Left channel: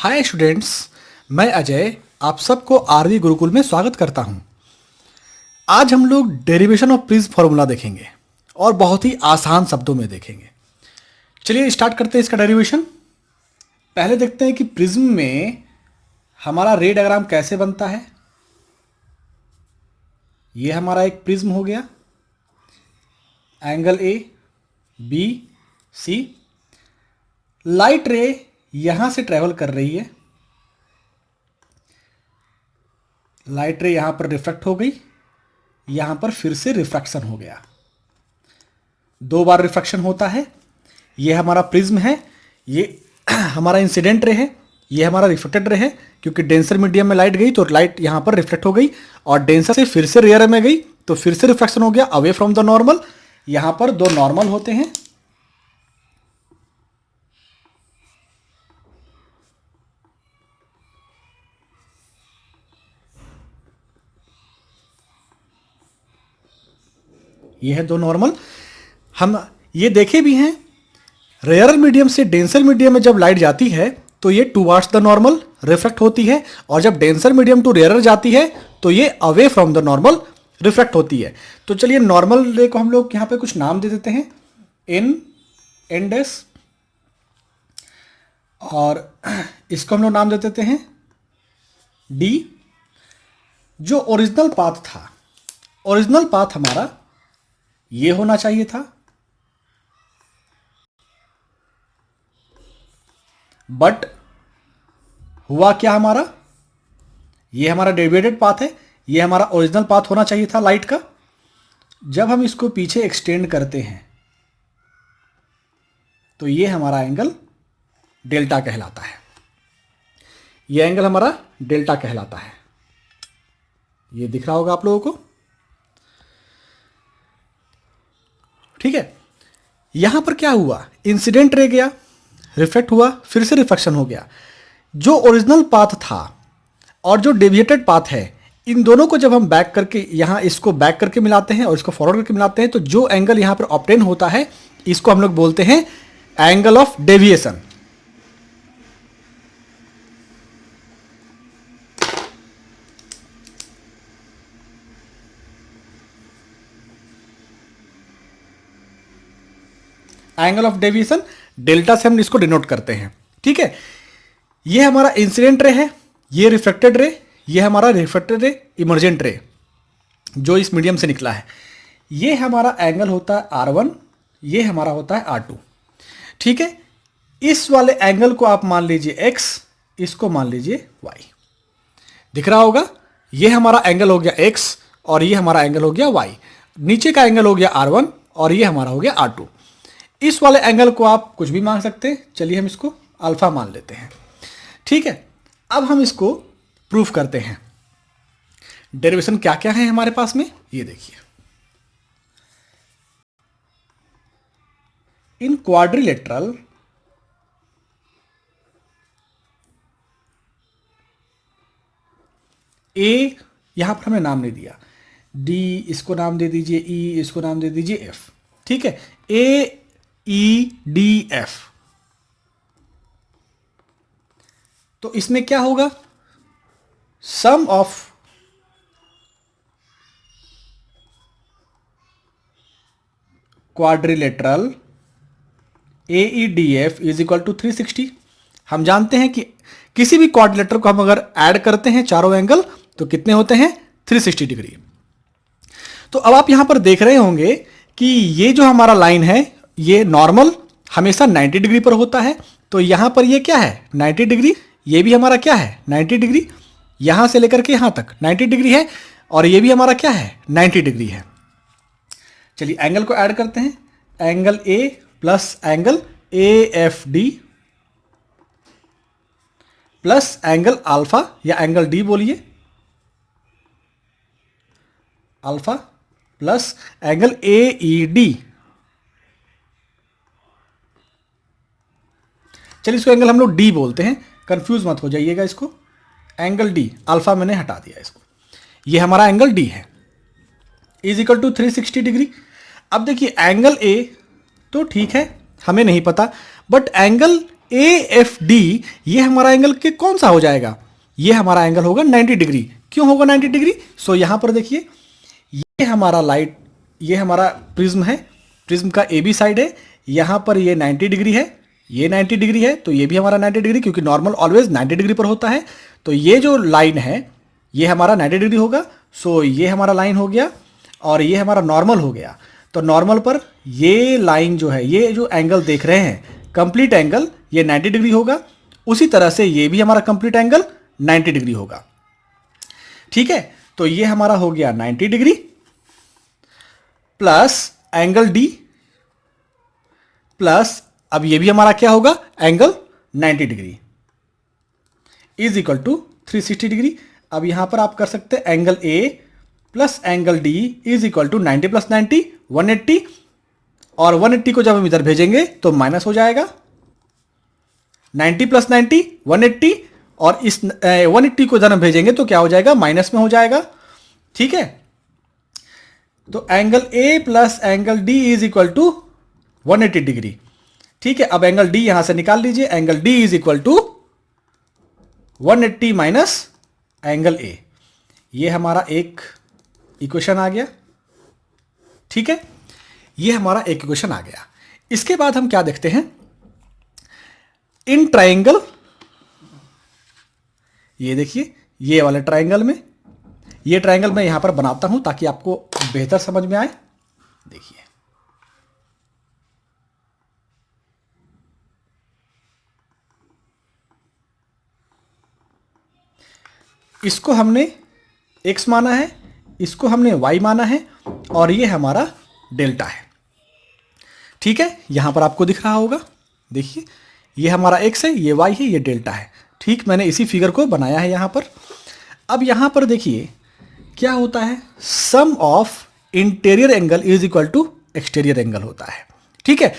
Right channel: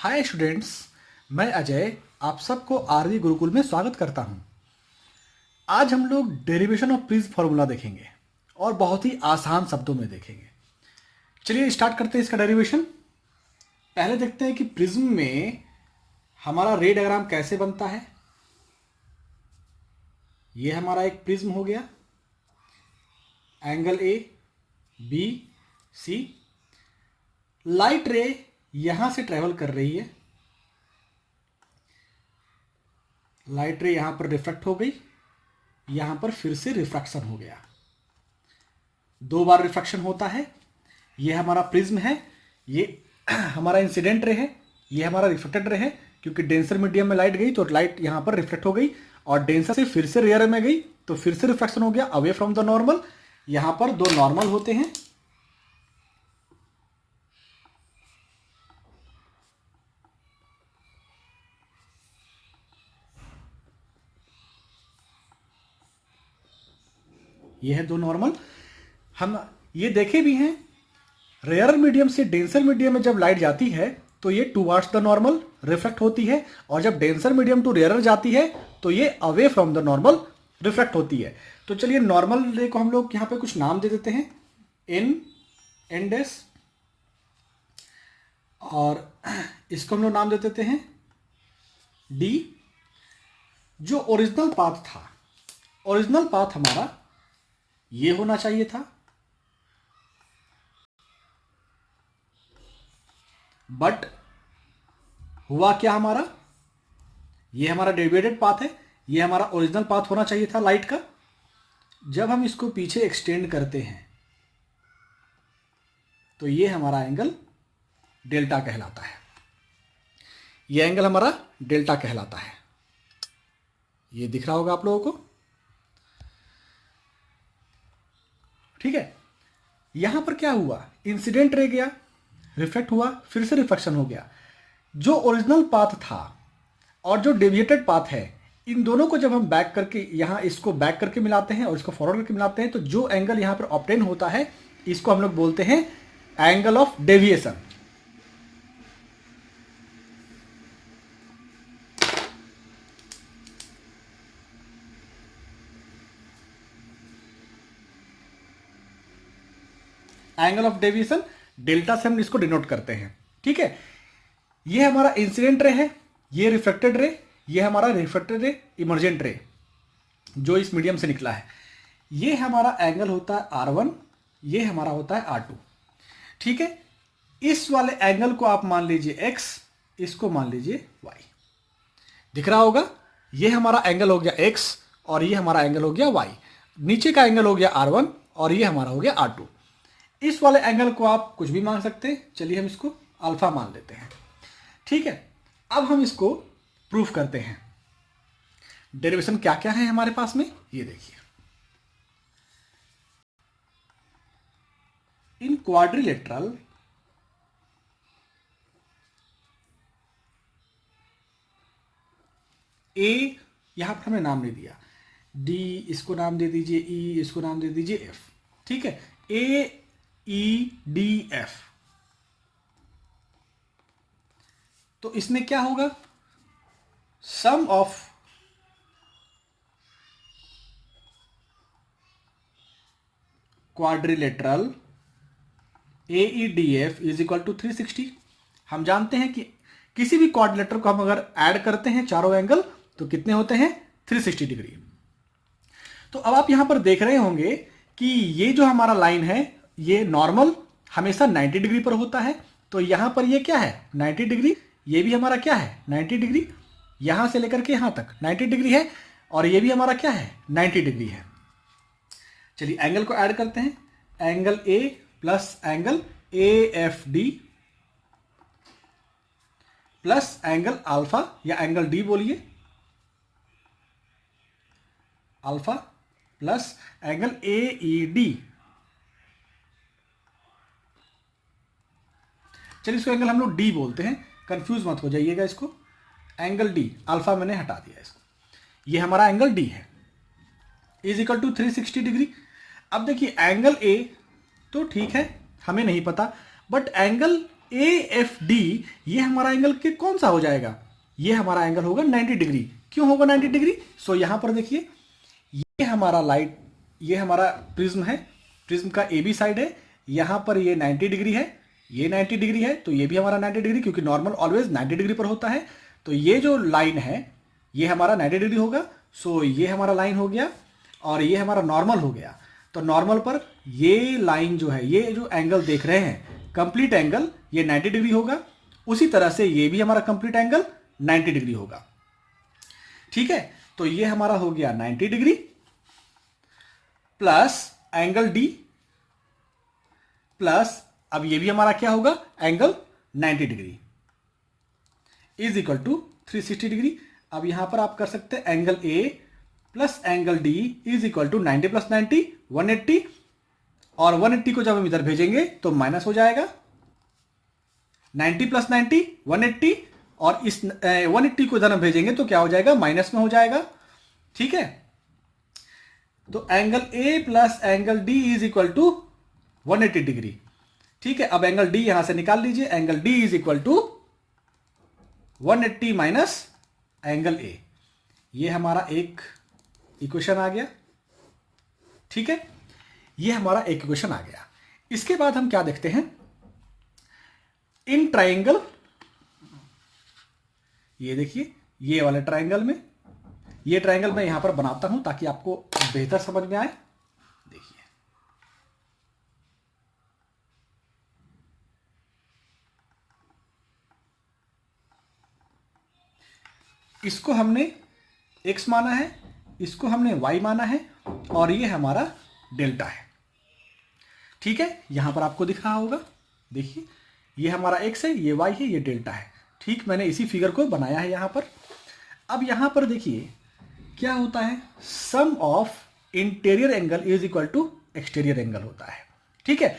Hi students, मैं अजय आप सबको आरवी गुरुकुल में स्वागत करता हूं। आज हम लोग डेरिवेशन ऑफ प्रिज्म फार्मूला देखेंगे और बहुत ही आसान शब्दों में देखेंगे। चलिए स्टार्ट करते हैं इसका डेरिवेशन। पहले देखते हैं कि प्रिज्म में हमारा रे डायग्राम कैसे बनता है। ये हमारा एक प्रिज्म हो गया, angle A B C. Light ray यहां से ट्रेवल कर रही है, लाइट रे यहां पर रिफ्लेक्ट हो गई, यहां पर फिर से रिफ्रैक्शन हो गया। दो बार रिफ्रैक्शन होता है। ये हमारा प्रिज्म है, ये हमारा इंसिडेंट रे है, ये हमारा रिफ्लेक्टेड रे है। क्योंकि डेंसर मीडियम में लाइट गई तो लाइट यहां पर रिफ्लेक्ट हो गई और डेंसर से फिर से रेयर में गई तो फिर से रिफ्रैक्शन हो गया अवे फ्रॉम द नॉर्मल। यहां पर दो नॉर्मल होते हैं, ये है दो नॉर्मल। हम ये देखे भी हैं, रेयर मीडियम से डेंसर मीडियम में जब लाइट जाती है तो ये टूवर्ड्स द नॉर्मल रिफ्लेक्ट होती है, और जब डेंसर मीडियम टू रेयर जाती है तो ये away from the normal reflect होती है। तो चलिए नॉर्मल रे को हम लोग यहाँ पे कुछ नाम दे देते हैं, एन डैश, और इसको हम लोग नाम दे देते हैं डी। जो ओरिजिनल पाथ था, ओरिजिनल पाथ हमारा ये होना चाहिए था, बट हुआ क्या हमारा, ये हमारा डेविएटेड पाथ है, ये हमारा ओरिजिनल पाथ होना चाहिए था लाइट का। जब हम इसको पीछे एक्सटेंड करते हैं तो ये हमारा एंगल डेल्टा कहलाता है, ये एंगल हमारा डेल्टा कहलाता है। ये दिख रहा होगा आप लोगों को, ठीक है। यहां पर क्या हुआ, इंसिडेंट रे गया, रिफ्लेक्ट हुआ, फिर से रिफ्लेक्शन हो गया। जो ओरिजिनल पाथ था और जो डेविएटेड पाथ है, इन दोनों को जब हम बैक करके यहां इसको बैक करके मिलाते हैं और इसको फॉरवर्ड करके मिलाते हैं तो जो एंगल यहां पर ऑब्टेन होता है इसको हम लोग बोलते हैं angle of deviation. Angle of deviation delta से हम इसको डिनोट करते हैं, ठीक है। ये हमारा इंसिडेंट रे है, ये रिफ्लेक्टेड रे, ये हमारा रिफ्लेक्टेड रे इमर्जेंट रे जो इस मीडियम से निकला है। ये हमारा एंगल होता है R1, ये हमारा होता है R2, ठीक है। इस वाले एंगल को आप मान लीजिए X, इसको मान लीजिए Y। दिख रहा होगा, ये हमारा एंगल हो गया X और ये हमारा एंगल हो गया Y। नीचे का एंगल हो गया R1 और ये हमारा हो गया R2। इस वाले एंगल को आप कुछ भी मान सकते हैं, चलिए हम इसको अल्फा मान लेते हैं, ठीक है। अब हम इसको प्रूफ करते हैं। डेरिवेशन क्या क्या है हमारे पास में, ये देखिए। इन क्वाड्रिलेटरल ए, यहां पर हमें नाम नहीं दिया, डी इसको नाम दे दीजिए, ई इसको नाम दे दीजिए, एफ, ठीक है। ए ई डी एफ, तो इसमें क्या होगा, sum of quadrilateral A E D F is equal to 360। हम जानते हैं कि किसी भी क्वाड्रिलेटर को हम अगर ऐड करते हैं चारों एंगल तो कितने होते हैं, 360 डिग्री। तो अब आप यहां पर देख रहे होंगे कि ये जो हमारा लाइन है, ये नॉर्मल हमेशा 90 डिग्री पर होता है। तो यहां पर ये क्या है, 90 डिग्री, ये भी हमारा क्या है 90 डिग्री, यहां से लेकर के यहां तक 90 डिग्री है, और ये भी हमारा क्या है 90 डिग्री है। चलिए एंगल को ऐड करते हैं, angle A plus angle A F D plus angle alpha या एंगल डी बोलिए, alpha plus angle A E D. चलिए इसको एंगल हम लोग डी बोलते हैं, कंफ्यूज मत हो जाइएगा इसको। एंगल डी, अल्फा मैंने हटा दिया इसको, ये हमारा एंगल डी है, इज इक्वल टू 360 डिग्री। अब देखिए एंगल ए तो ठीक है, हमें नहीं पता, but angle A F D ये हमारा एंगल के कौन सा हो जाएगा, ये हमारा एंगल होगा 90 डिग्री। क्यों होगा 90 डिग्री? सो यहां पर देखिए, ये हमारा लाइट, ये हमारा प्रिज्म है, प्रिज्म का ए बी साइड है, यहां पर ये 90 डिग्री है, ये 90 डिग्री है, तो ये भी हमारा 90 डिग्री, क्योंकि नॉर्मल ऑलवेज 90 डिग्री पर होता है। तो ये जो लाइन है ये हमारा 90 डिग्री होगा। सो ये हमारा लाइन हो गया और ये हमारा नॉर्मल हो गया। तो नॉर्मल पर ये लाइन जो है, ये जो एंगल देख रहे हैं कंप्लीट एंगल, ये 90 डिग्री होगा। उसी तरह से ये भी हमारा कंप्लीट एंगल 90 डिग्री होगा। ठीक है, तो ये हमारा हो गया 90 degree plus angle D plus, अब ये भी हमारा क्या होगा, angle 90 degree is equal to 360 degree. अब यहां पर आप कर सकते हैं angle A plus angle D is equal to 90 plus 90 180, और 180 को जब हम इधर भेजेंगे तो माइनस हो जाएगा। 90 प्लस 90 180, और इस 180 को इधर हम भेजेंगे तो क्या हो जाएगा, माइनस में हो जाएगा। ठीक है, तो angle A plus angle D is equal to 180 degree. ठीक है, अब एंगल डी यहां से निकाल लीजिए, angle D is equal to 180 minus angle A. ये हमारा एक इक्वेशन आ गया। ठीक है, ये हमारा एक इक्वेशन आ गया। इसके बाद हम क्या देखते हैं, इन ट्राइंगल, ये देखिए ये वाले ट्राइंगल में, ये ट्राइंगल मैं यहां पर बनाता हूं ताकि आपको बेहतर समझ में आए। देखिए इसको हमने x माना है, इसको हमने y माना है, और ये हमारा डेल्टा है। ठीक है, यहां पर आपको दिख रहा होगा, देखिए ये हमारा x है, ये y है, ये डेल्टा है। ठीक, मैंने इसी फिगर को बनाया है यहां पर। अब यहां पर देखिए क्या होता है, sum of interior angle is equal to exterior angle होता है। ठीक है,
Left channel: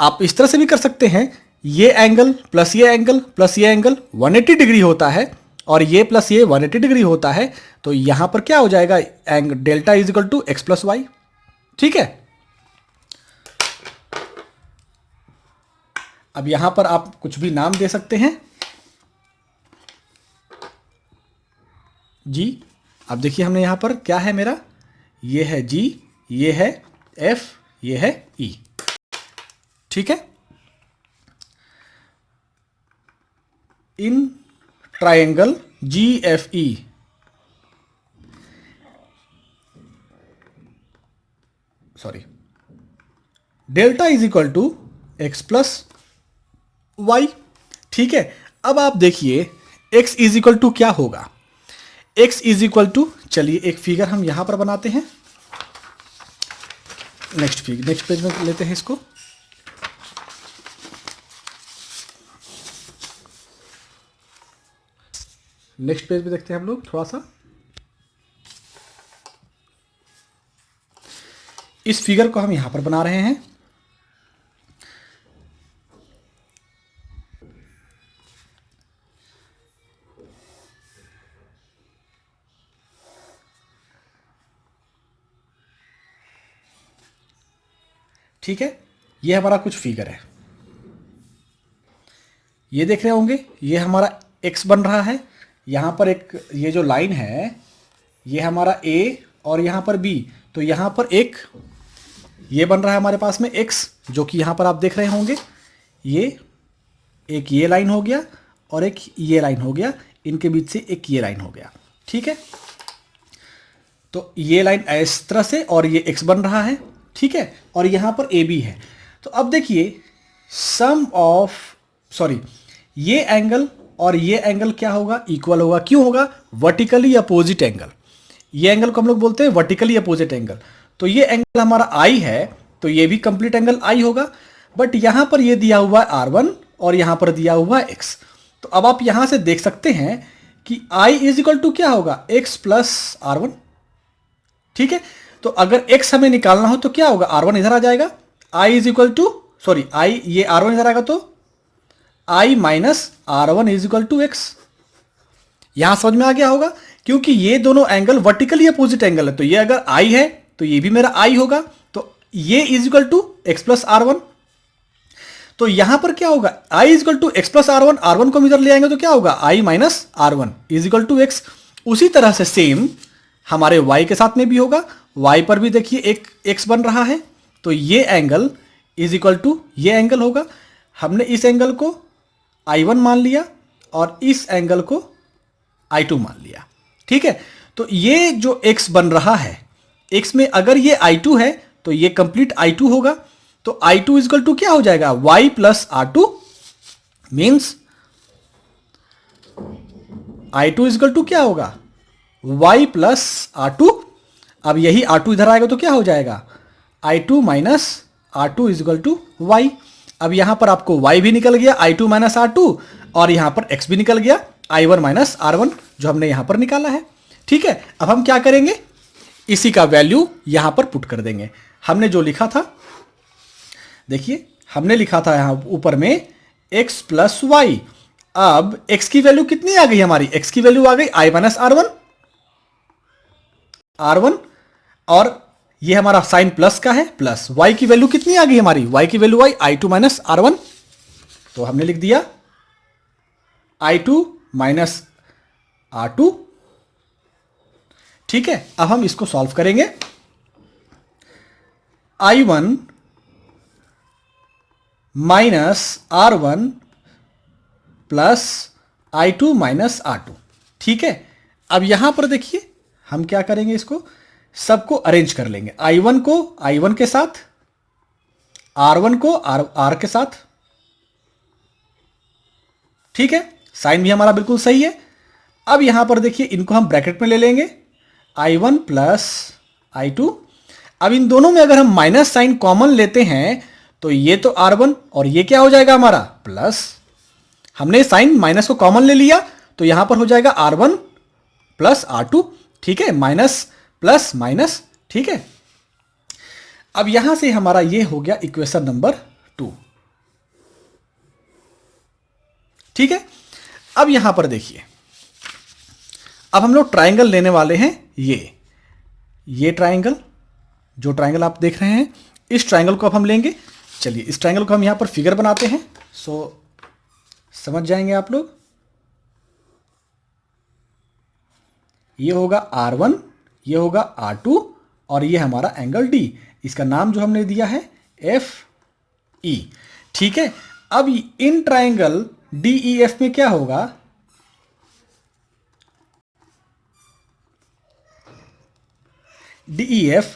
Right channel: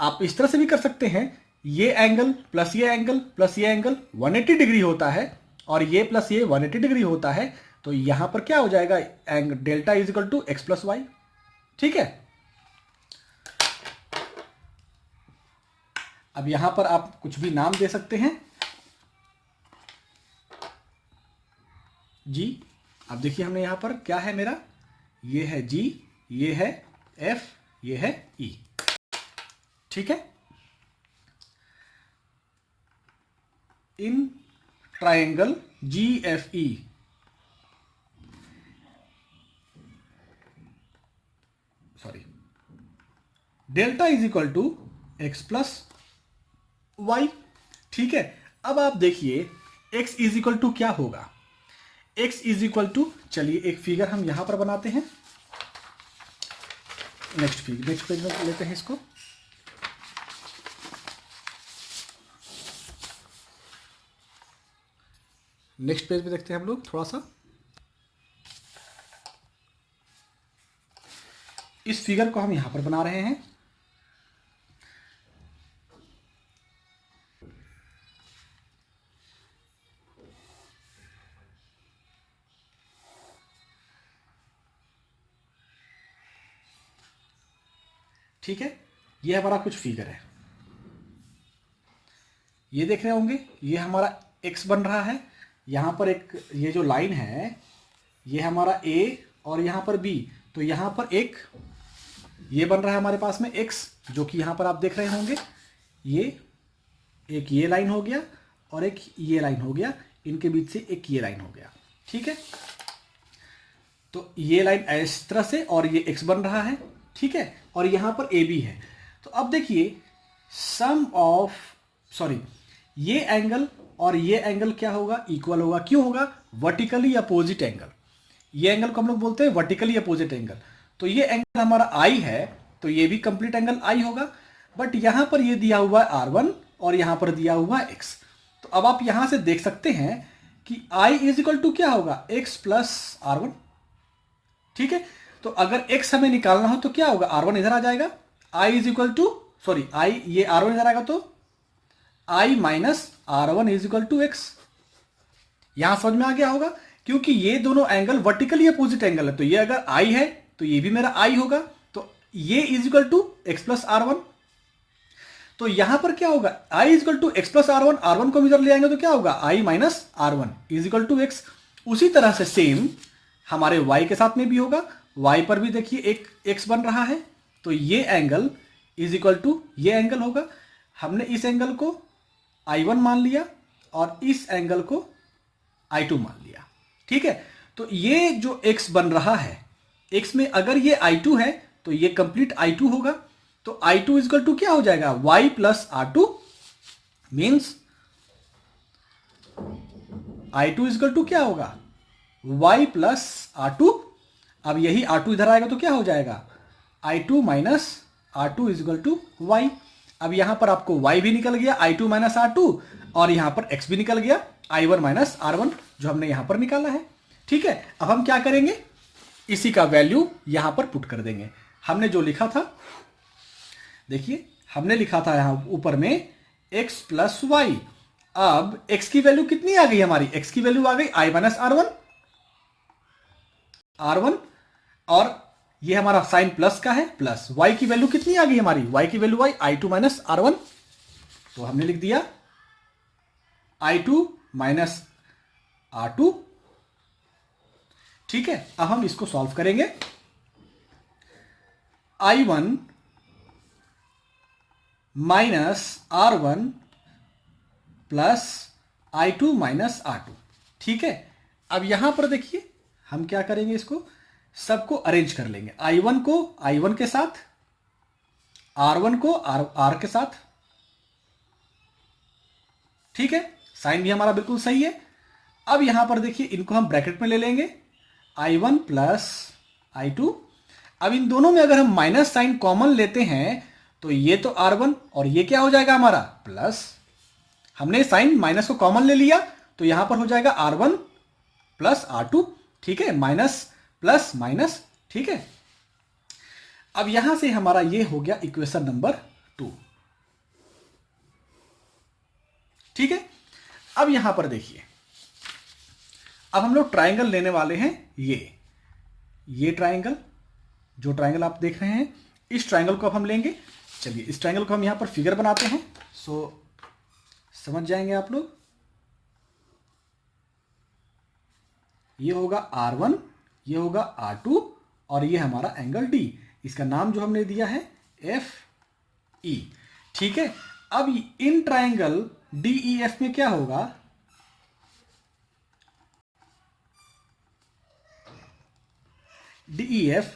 आप इस तरह से भी कर सकते हैं, ये एंगल प्लस ये एंगल प्लस ये एंगल 180 डिग्री होता है, और ये प्लस ये 180 डिग्री होता है। तो यहां पर क्या हो जाएगा, angle delta is equal to x plus y. ठीक है, अब यहां पर आप कुछ भी नाम दे सकते हैं जी। अब देखिए हमने यहां पर क्या है मेरा, ये है जी, ये है एफ, ये है ई। ठीक है, in triangle G F E, sorry, delta is equal to x plus y. ठीक है, अब आप देखिए x इज इक्वल टू क्या होगा, x इज इक्वल टू, चलिए एक फिगर हम यहां पर बनाते हैं। नेक्स्ट पेज में लेते हैं इसको। नेक्स्ट पेज पे देखते हैं हम लोग थोड़ा सा। इस फिगर को हम यहां पर बना रहे हैं। ठीक है, ये हमारा कुछ फिगर है, ये देख रहे होंगे, ये हमारा x बन रहा है। यहां पर एक ये जो लाइन है ये हमारा a और यहां पर b, तो यहां पर एक ये बन रहा है हमारे पास में x, जो कि यहां पर आप देख रहे होंगे, ये एक ये लाइन हो गया और एक ये लाइन हो गया, इनके बीच से एक ये लाइन हो गया। ठीक है, तो ये लाइन इस तरह से और ये x बन रहा है। ठीक है, और यहां पर ए बी है। तो अब देखिए सम ऑफ, सॉरी, ये एंगल और ये एंगल क्या होगा, इक्वल होगा। क्यों होगा, वर्टिकली अपोजिट एंगल, ये एंगल को हम लोग बोलते हैं वर्टिकली अपोजिट एंगल। तो ये एंगल हमारा आई है, तो ये भी कंप्लीट एंगल आई होगा। बट यहां पर ये दिया हुआ है R1 और यहां पर दिया हुआ है x। तो अब आप यहां से देख सकते हैं कि I इज इक्वल टू क्या होगा, x प्लस R1। ठीक है, तो अगर x हमें निकालना हो तो क्या होगा, R1 इधर आ जाएगा, I is equal to, sorry, I, ये R1 इधर आएगा तो I minus R1 is equal to x। यहां समझ में आ गया होगा, क्योंकि ये दोनों एंगल वर्टिकली अपोजिट एंगल है। तो ये अगर I है तो ये भी मेरा I होगा, तो ये is equal to x plus R1। तो यहां पर क्या होगा, i is equal to x plus R one, R one को हम इधर ले आएंगे तो क्या होगा, i minus R one is equal to x. उसी तरह से सेम हमारे y के साथ में भी होगा, y पर भी देखिए एक x बन रहा है, तो ये एंगल इज इक्वल टू ये एंगल होगा। हमने इस एंगल को I1 मान लिया और इस एंगल को I2 मान लिया, ठीक है। तो ये जो x बन रहा है, x में अगर ये I2 है तो ये कंप्लीट I2 होगा, तो I2 इज इक्वल टू क्या हो जाएगा, y plus R2 means I2 is equal to क्या होगा, y प्लस R2। अब यही R2 इधर आएगा तो क्या हो जाएगा, I2 minus R2 is equal to y। अब यहां पर आपको y भी निकल गया, I2 माइनस R2, और यहां पर x भी निकल गया, I1 माइनस R1, जो हमने यहां पर निकाला है, ठीक है। अब हम क्या करेंगे, इसी का वैल्यू यहां पर पुट कर देंगे। हमने जो लिखा था, देखिए हमने लिखा था यहां ऊपर में x प्लस वाई। अब x की वैल्यू कितनी आ गई हमारी, x की वैल्यू आ गई i माइनस R1, और ये हमारा साइन प्लस का है, प्लस y की वैल्यू कितनी आ गई हमारी, y की वैल्यू आई I2 माइनस R1, तो हमने लिख दिया I2 माइनस R2, ठीक है। अब हम इसको सॉल्व करेंगे, I1 minus R1 plus I2 minus R2, ठीक है। अब यहां पर देखिए हम क्या करेंगे, इसको सबको अरेंज कर लेंगे, I1 को I1 के साथ, R1 को R के साथ, ठीक है। साइन भी हमारा बिल्कुल सही है। अब यहां पर देखिए इनको हम ब्रैकेट में ले लेंगे, I1 प्लस I2। अब इन दोनों में अगर हम माइनस साइन कॉमन लेते हैं तो ये तो R1 और ये क्या हो जाएगा हमारा प्लस, हमने साइन माइनस को कॉमन ले लिया तो यहां पर हो जाएगा R1 प्लस R2, ठीक है, माइनस प्लस माइनस, ठीक है। अब यहां से हमारा ये हो गया इक्वेशन नंबर 2, ठीक है। अब यहां पर देखिए, अब हम लोग ट्राइंगल लेने वाले हैं, ये ट्राइंगल, जो ट्राइंगल आप देख रहे हैं, इस ट्राइंगल को अब हम लेंगे। चलिए इस ट्राइंगल को हम यहां पर फिगर बनाते हैं, सो समझ जाएंगे आप लोग। ये होगा R1, ये होगा R2, और ये हमारा एंगल D, इसका नाम जो हमने दिया है FE, ठीक है। अब इन ट्राइंगल DEF में क्या होगा, DEF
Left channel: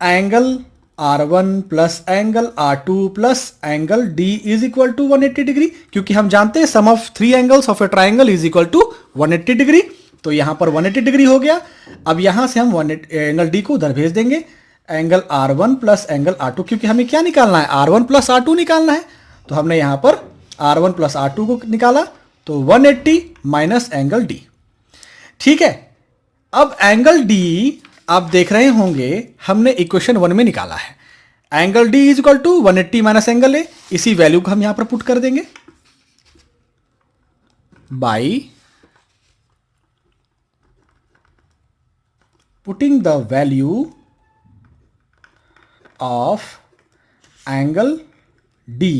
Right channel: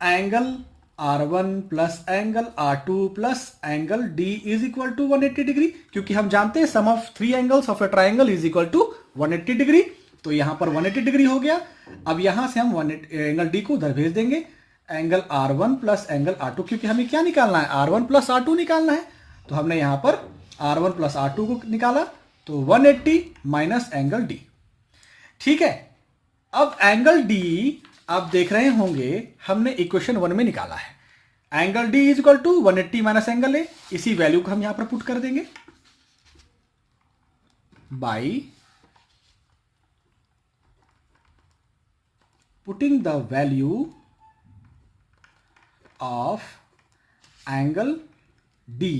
angle R1 plus angle R2 plus angle D is equal to 180 degree, क्योंकि हम जानते हैं sum of 3 angles of a triangle is equal to 180 degree, तो यहां पर 180 डिग्री हो गया। अब यहां से हम एंगल D को उधर भेज देंगे, angle R1 plus angle R2, क्योंकि हमें क्या निकालना है, R1 प्लस R2 निकालना है, तो हमने यहां पर R1 प्लस R2 को निकाला, तो 180 माइनस एंगल D, ठीक है। अब एंगल D आप देख रहे होंगे हमने इक्वेशन 1 में निकाला है, angle D is equal to 180 minus angle A, इसी वैल्यू को हम यहां पर पुट कर देंगे by putting the value of angle D।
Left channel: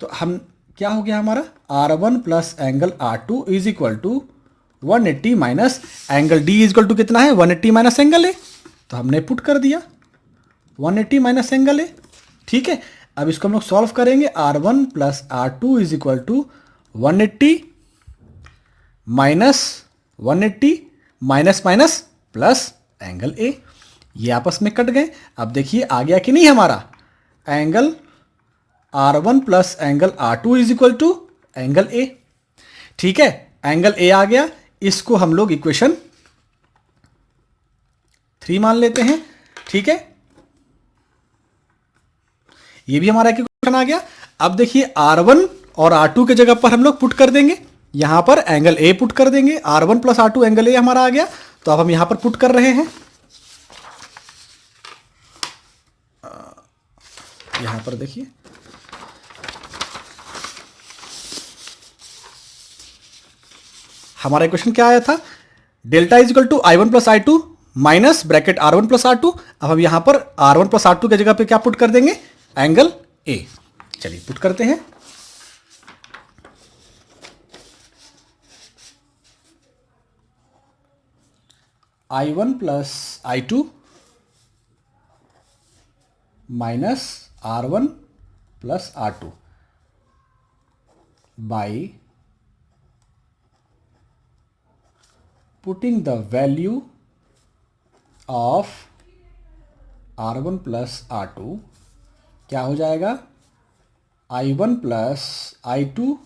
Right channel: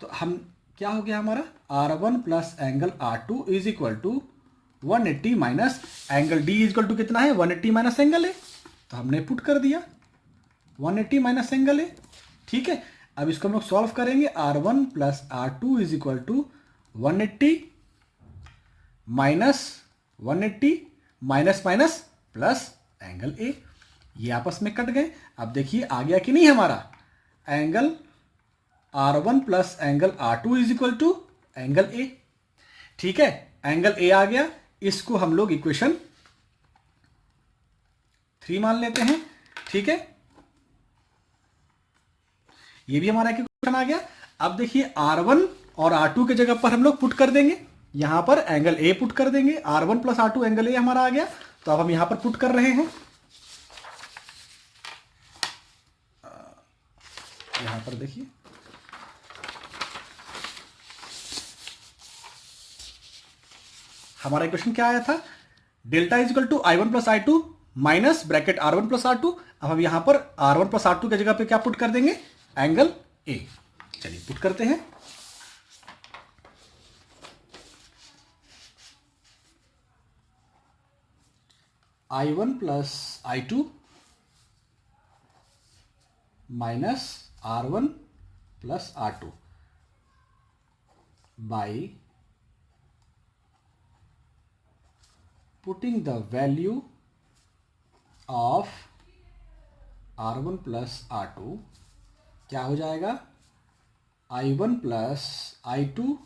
तो हम क्या हो गया हमारा, R1 plus angle R2 is equal to 180 minus angle D is equal to कितना है, 180 माइनस एंगल A, तो हमने पुट कर दिया 180 माइनस एंगल A, ठीक है। अब इसको हम लोग सॉल्व करेंगे, R1 plus R2 is equal to 180 minus 180 minus minus plus angle A, ये आपस में कट गए। अब देखिए आ गया कि नहीं हमारा angle R1 plus angle R2 is equal to angle A, ठीक है, एंगल A आ गया। इसको हम लोग इक्वेशन 3 मान लेते हैं, ठीक है, ये भी हमारा इक्वेशन आ गया। अब देखिए R1 और R2 के जगह पर हम लोग पुट कर देंगे, यहां पर एंगल A पुट कर देंगे, R1 plus R2 angle A हमारा आ गया, तो अब हम यहां पर पुट कर रहे हैं, यहां पर देखिए हमारा इक्वेशन क्या आया था, delta is equal to I1 plus I2 minus bracket R1 plus R2। अब हम यहां पर R1 प्लस R2 की जगह पे क्या पुट कर देंगे, एंगल A। चलिए पुट करते हैं। I1 plus I2 minus R1 plus R2 by putting the value of R1 plus R2 क्या हो जाएगा, I1 plus I2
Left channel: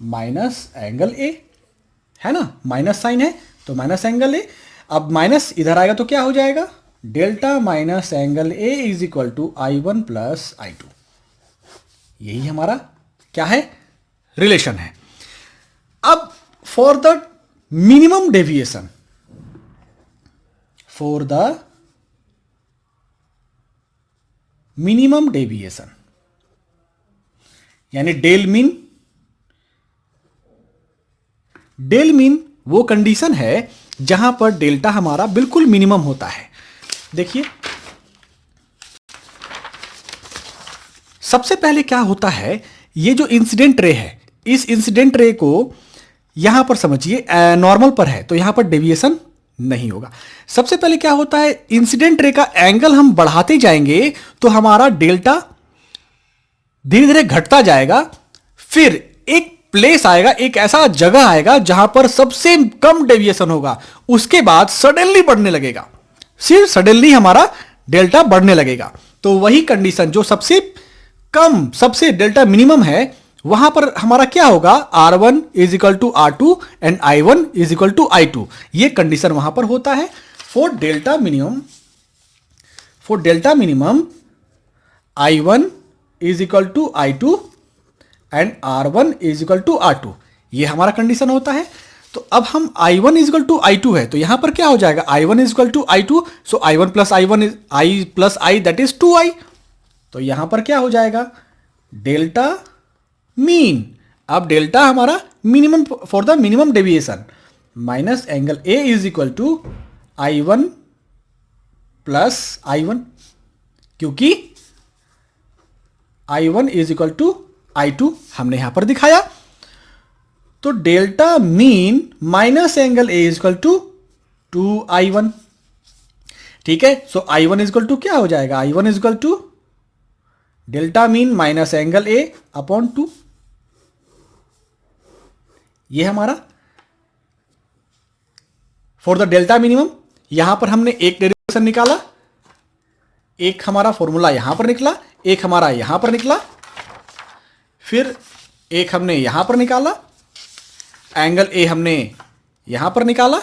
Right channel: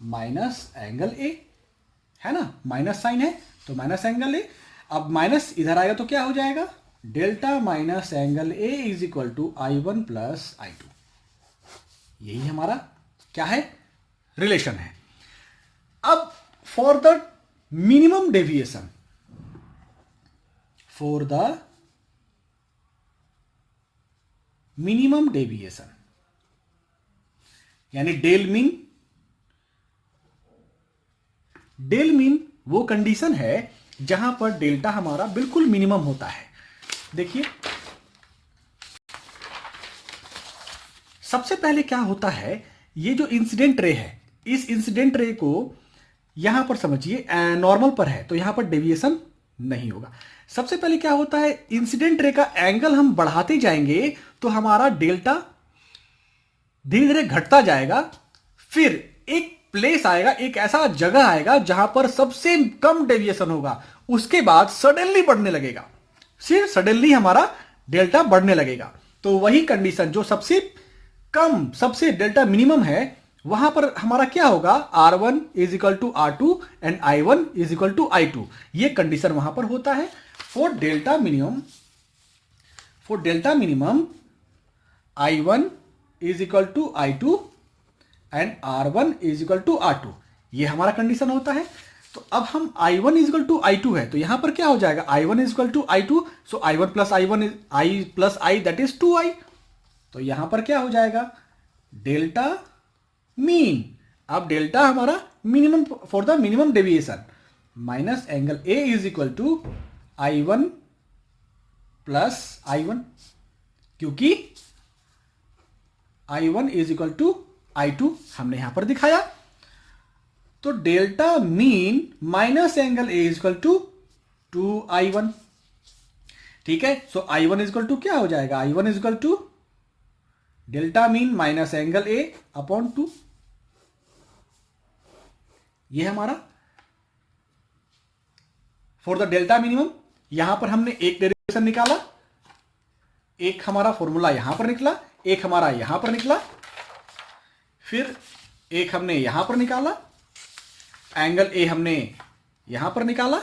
minus angle A, है ना, माइनस साइन है तो माइनस एंगल A। अब माइनस इधर आएगा तो क्या हो जाएगा, delta minus angle A is equal to I1 plus I2। यही हमारा क्या है, रिलेशन है। अब for the minimum deviation, for the minimum deviation यानी डेल मीन, डेल मीन वो कंडीशन है जहां पर डेल्टा हमारा बिल्कुल मिनिमम होता है। देखिए सबसे पहले क्या होता है, ये जो इंसिडेंट रे है, इस इंसिडेंट रे को यहां पर समझिए नॉर्मल पर है तो यहां पर डेविएशन नहीं होगा। सबसे पहले क्या होता है, इंसिडेंट रे का एंगल हम बढ़ाते जाएंगे तो हमारा डेल्टा धीरे धीरे घटता जाएगा। फिर एक प्लेस आएगा, एक ऐसा जगह आएगा जहां पर सबसे कम डेविएशन होगा, उसके बाद सडनली बढ़ने लगेगा, सिर्फ सडनली हमारा डेल्टा बढ़ने लगेगा। तो वही कंडीशन जो सबसे कम, सबसे डेल्टा मिनिमम है, वहां पर हमारा क्या होगा, R1 is equal to R2 and I1 is equal to I2। ये कंडीशन वहां पर होता है for delta minimum. For delta minimum I1 is equal to I2 and R1 is equal to R2, ये हमारा कंडीशन होता है। तो अब हम I1 is equal to I2 है तो यहां पर क्या हो जाएगा, I1 is equal to I2, so I1 plus I1 is I plus I that is 2I। तो यहां पर क्या हो जाएगा, डेल्टा मीन। अब डेल्टा हमारा minimum for the minimum deviation minus angle A is equal to I1 plus I1, क्योंकि I1 is equal to I2 हमने यहां पर दिखाया। तो delta mean minus angle A is equal to 2I1। ठीक है, सो I1 इज इक्वल टू क्या हो जाएगा, I1 is equal to delta mean minus angle A upon 2। ये हमारा फॉर द डेल्टा मिनिमम। यहां पर हमने एक डेरिवेशन निकाला, एक हमारा फॉर्मूला यहां पर निकला, एक हमारा यहां पर निकला, फिर एक हमने यहां पर निकाला, एंगल A हमने यहां पर निकाला,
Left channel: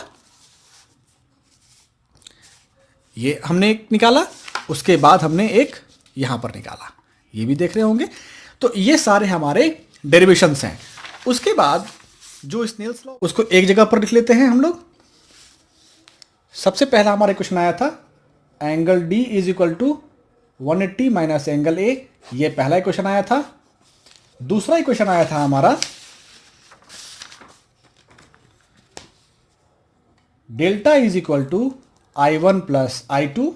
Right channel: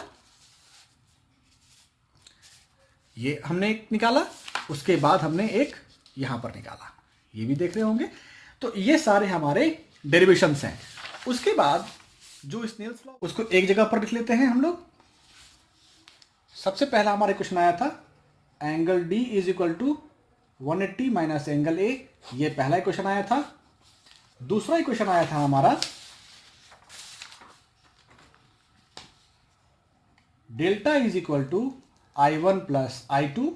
ये हमने एक निकाला, उसके बाद हमने एक यहां पर निकाला, ये भी देख रहे होंगे। तो ये सारे हमारे डेरिवेशंस हैं। उसके बाद जो स्नेल्स लॉ, उसको एक जगह पर लिख लेते हैं हम लोग। सबसे पहला हमारा क्वेश्चन आया था angle D is equal to 180 minus angle A, ये पहला क्वेश्चन आया था। दूसरा क्वेश्चन आया था हमारा delta is equal to I1 plus I2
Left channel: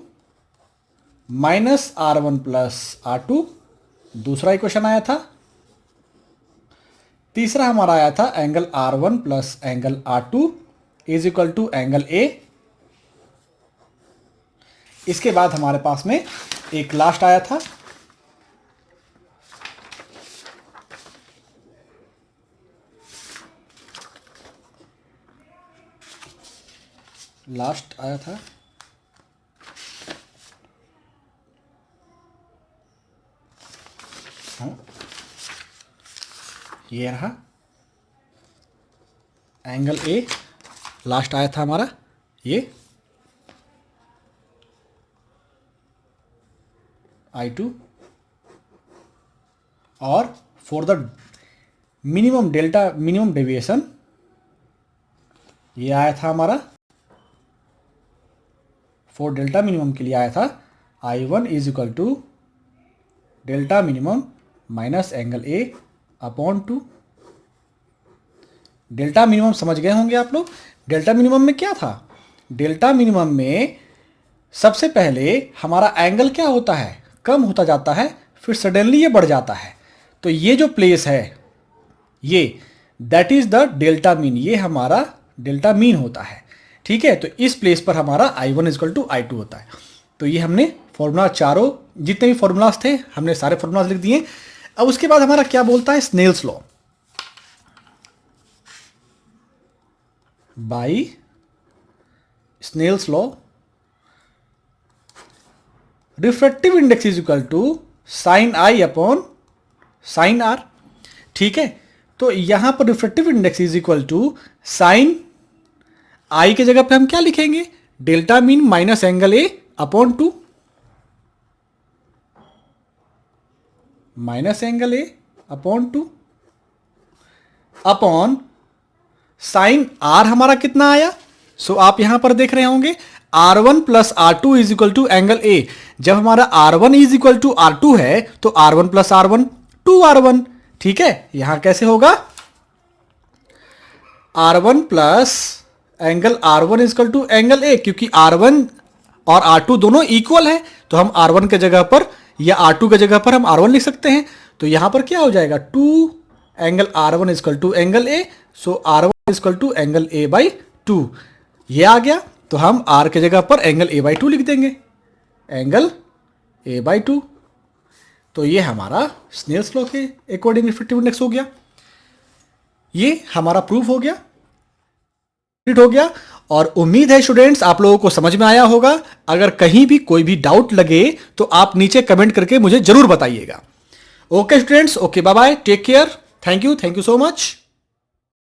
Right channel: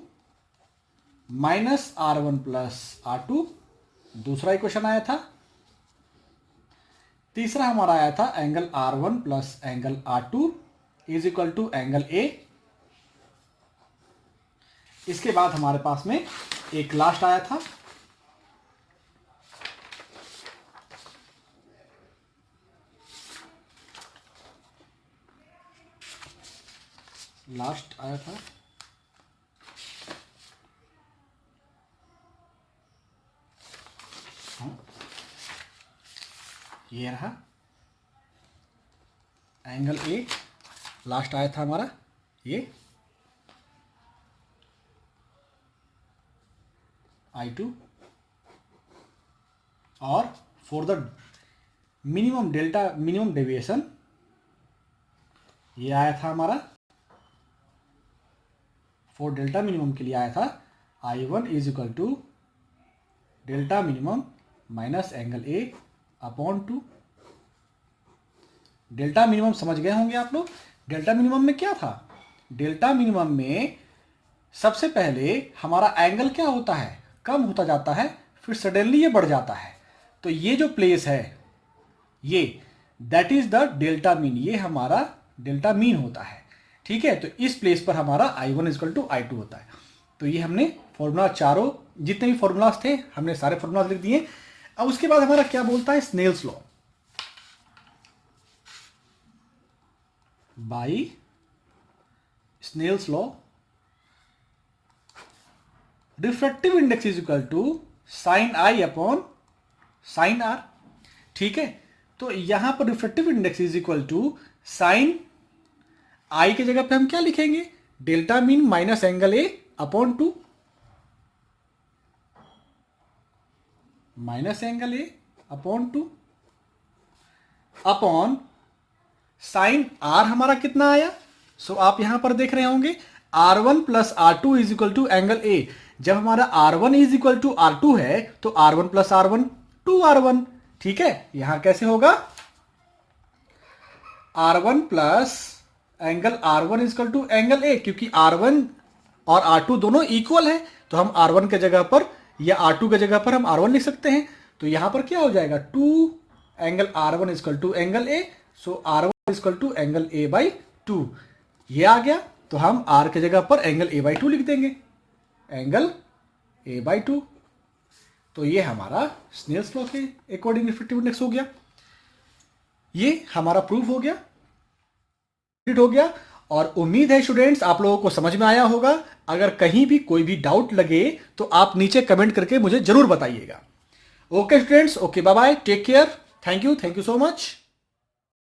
minus R1 plus R2, दूसरा क्वेश्चन आया था। तीसरा हमारा आया था angle R1 plus angle R2 is equal to angle A। इसके बाद हमारे पास में एक लास्ट आया था हाँ, ये रहा एंगल A। लास्ट आया था हमारा ये I2, और for the minimum delta minimum deviation ये आया था हमारा, फॉर डेल्टा मिनिमम के लिए आया था I1 is equal to delta minimum minus angle A upon 2। Delta minimum समझ गए होंगे आप लोग। डेल्टा मिनिमम में क्या था, डेल्टा मिनिमम में सबसे पहले हमारा एंगल क्या होता है, कम होता जाता है, फिर सडनली ये बढ़ जाता है। तो ये जो प्लेस है ये that is the delta mean, ये हमारा डेल्टा मीन होता है। ठीक है, तो इस प्लेस पर हमारा I1 इक्वल टू I2 होता है। तो ये हमने फॉर्मूला, चारों जितने भी फॉर्मूलाज थे हमने सारे फॉर्मूलाज लिख दिए। अब उसके बाद हमारा क्या बोलता है, Snell's law. By Snell's law refractive index is equal to sine I upon sine R. ठीक है, तो यहां पर refractive index is equal to sine I के जगह पे हम क्या लिखेंगे, delta mean minus angle A upon 2, minus angle A upon 2 upon sine R हमारा कितना आया। सो आप यहां पर देख रहे होंगे R1 plus R2 is equal to angle A. जब हमारा R1 is equal to R2 है तो R1 प्लस R1 2R1। ठीक है, यहां कैसे होगा, R1 plus angle R1 is equal to angle A, क्योंकि R1 और R2 दोनों इक्वल है तो हम R1 के जगह पर या R2 के जगह पर हम R1 लिख सकते हैं। तो यहां पर क्या हो जाएगा, 2 angle R1 is equal to angle A, so R1 is equal to angle A by 2। ये आ गया, तो हम R के जगह पर एंगल ए बाई 2 लिख देंगे, एंगल ए बाई 2। तो ये हमारा स्नेल्स लॉ के अकॉर्डिंग रिफ्रैक्टिव इंडेक्स हो गया। ये हमारा प्रूफ हो गया, हो गया। और उम्मीद है स्टूडेंट्स आप लोगों को समझ में आया होगा। अगर कहीं भी कोई भी डाउट लगे तो आप नीचे कमेंट करके मुझे जरूर बताइएगा। Okay students, okay, bye bye, take care, thank you so much.